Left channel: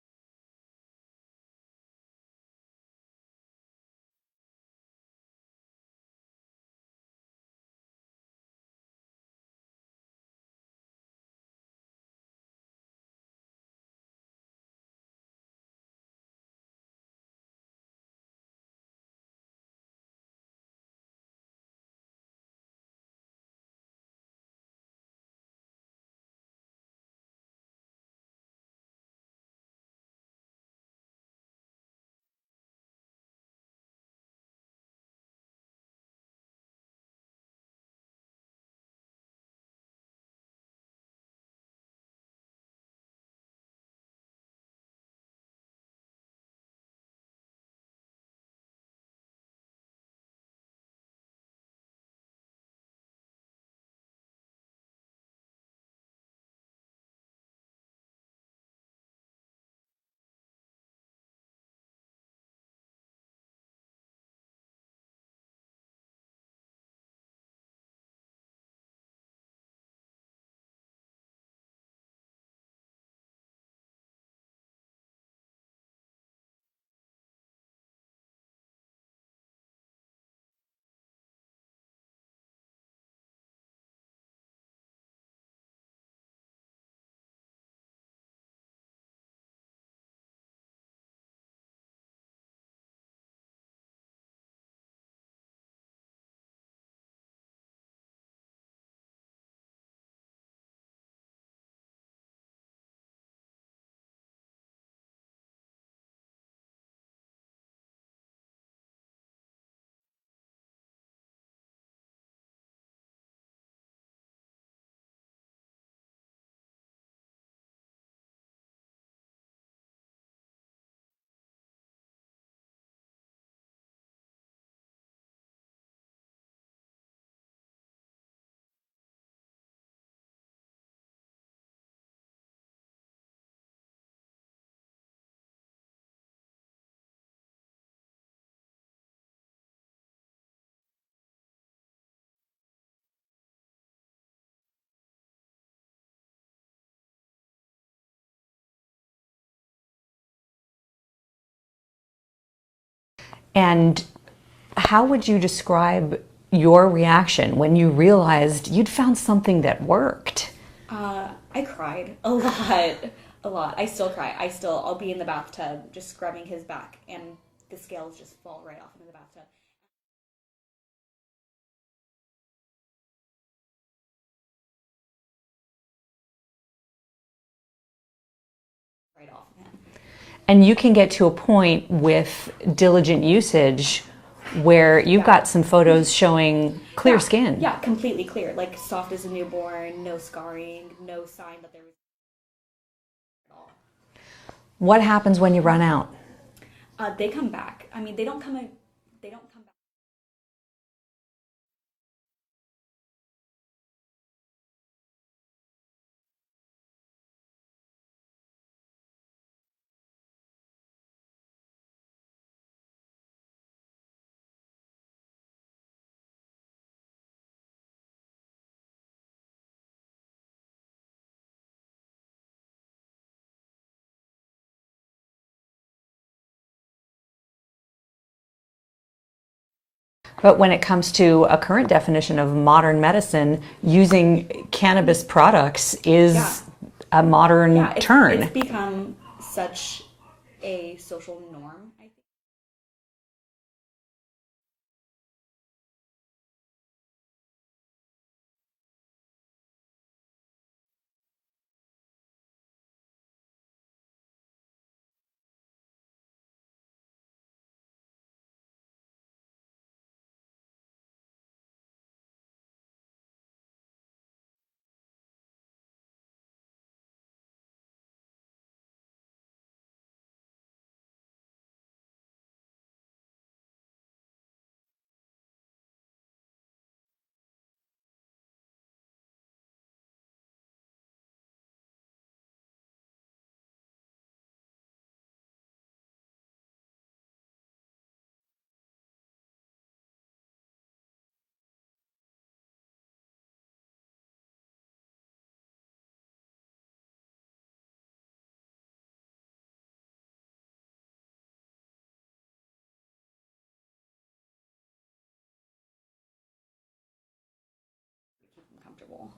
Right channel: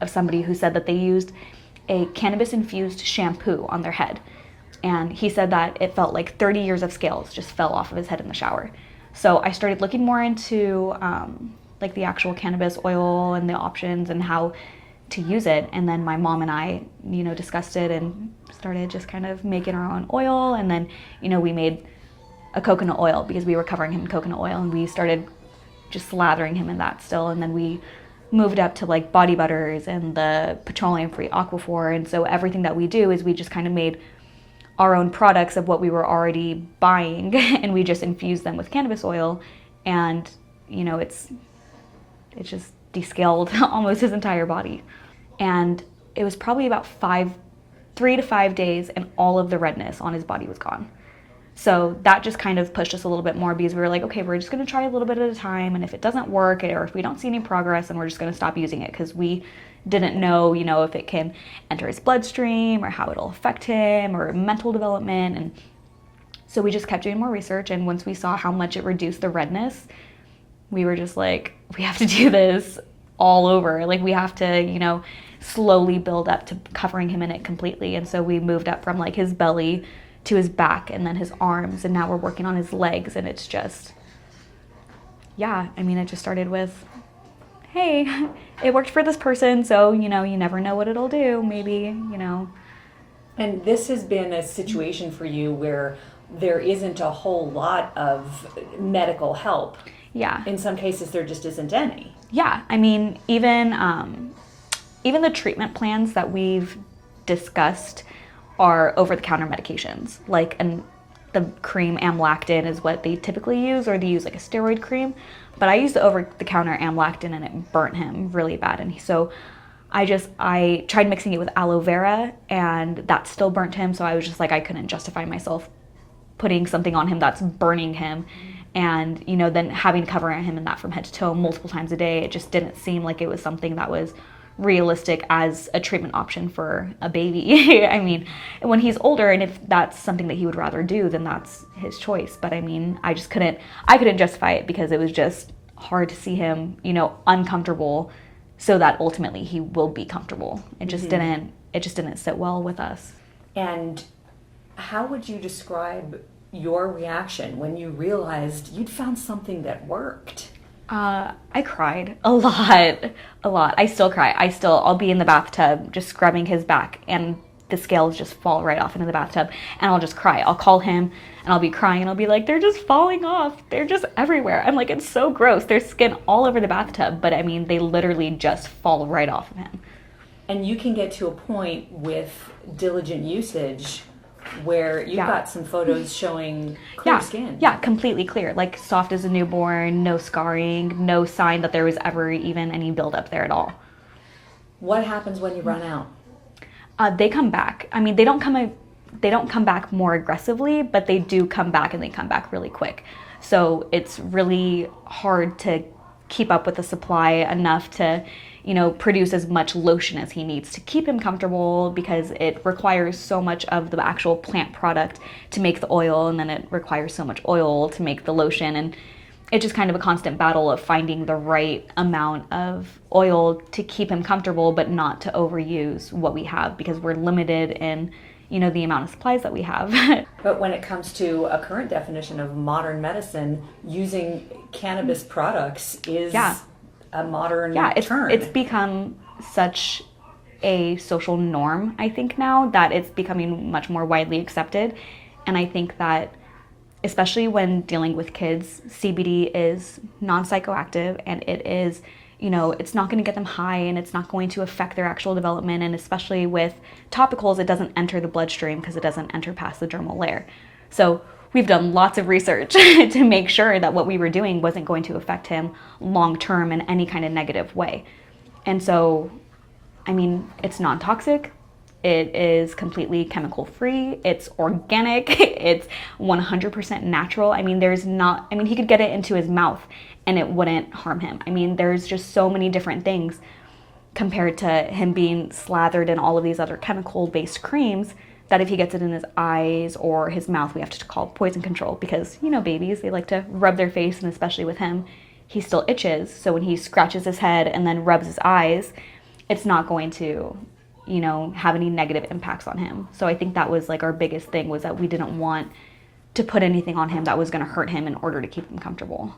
of somebody who said that they used a cannabis-infused shampoo on their head. And he said that it felt like 30 years of scales just fell off of his head in the shower. So I started looking more into like the actual cannabis oil and the options and how to use it. And then my mom and I, discussed it and started just kind of making our own oil. And then, we made a coconut oil because we were covering him in coconut oil, and we started just slathering him in that still. And then we moved up to like body butters and the petroleum-free aquaphor. And so everything that we do is we just kind of made our own products of what we were already buying and we just infused them with cannabis oil. And, it's just descaled almost his entire body. And it was probably about 3 to 5 days and all of the redness on his body was gone. So that just kind of pushed us a little bit more because we were like, okay, we're just going to try a little bit at a time. And if it doesn't work or if we don't see any progress, then we're just going to stop using it, because we didn't know, if it can enter his bloodstream or how it'll affect him or mental development. And so we just kept doing more research. And once we saw how much it reduced the redness, we were just like, we have to do this all over. Like, we have to, slowly build up to covering him in it completely. And so we moved up from like his belly to his back and then his arms. And now we're working on his legs. And it's just, it just started with, hey, it worked for this person. So, you never know what it'll do. Maybe. And this has been a situation for you where there isn't a whole lot of medical help. Yeah. In some cases, there just isn't any. Yeah. Even the treatment plans that we've discussed are over-the-counter medications. Like, the cream amlactin is what they typically use, or they use like a steroid cream. But I used the over-the-counter amlactin and it burnt him really bad. And so I tried mixing it with aloe vera and that still burnt him. So I was just like, I couldn't justify myself putting something on him that's burning him. And, then having to cover him in that from head to toe multiple times a day, it just didn't seem like it was something that was realistic as a treatment option for a baby. When he's older and if that's something that he would rather do, then that's his choice. But I couldn't justify it because it was just hard to see him, uncomfortable so that ultimately he will be comfortable. It just didn't sit well with us. And how would you describe your reaction when you realized you'd found something that worked? I cried a lot. I still cry. I'll be in the bathtub just scrubbing his back and the scales just fall right off into the bathtub and I'll just cry. I'll call him and I'll be crying and I'll be like, they're just falling off. They're just everywhere. I'm like, it's so gross. There's skin all over the bathtub, but they literally just fall right off of him. And you can get to a point with diligent usage where you've got some photos showing clear skin. Yeah, completely clear. Like soft as a newborn, no scarring, no sign that there was ever even any buildup there at all. What happens when you run out? They come back. They don't come back more aggressively, but they do come back, and they come back really quick. So it's really hard to keep up with the supply enough to produce as much lotion as he needs to keep him comfortable, because it requires so much of the actual plant product to make the oil, and then it requires so much oil to make the lotion. And it's just kind of a constant battle of finding the right amount of oil to keep him comfortable, but not to overuse what we have, because we're limited in the amount of supplies that we have. But when it comes to a current definition of modern medicine, using cannabis products is a modern turn. It's become such a social norm, I think, now, that it's becoming much more widely accepted. And I think that especially when dealing with kids, CBD is non-psychoactive, and it is, it's not going to get them high, and it's not going to affect their actual development. And especially with topicals, it doesn't enter the bloodstream because it doesn't enter past the dermal layer. So we've done lots of research to make sure that what we were doing wasn't going to affect him long-term in any kind of negative way. And so, it's non-toxic. It is completely chemical-free. It's organic. It's 100% natural. He could get it into his mouth and it wouldn't harm him. There's just so many different things compared to him being slathered in all of these other chemical-based creams that if he gets it in his eyes or his mouth, we have to call poison control, because, babies, they like to rub their face, and especially with him, he still itches. So when he scratches his head and then rubs his eyes, it's not going to, you know, have any negative impacts on him. So I think that was like our biggest thing, was that we didn't want to put anything on him that was going to hurt him in order to keep him comfortable.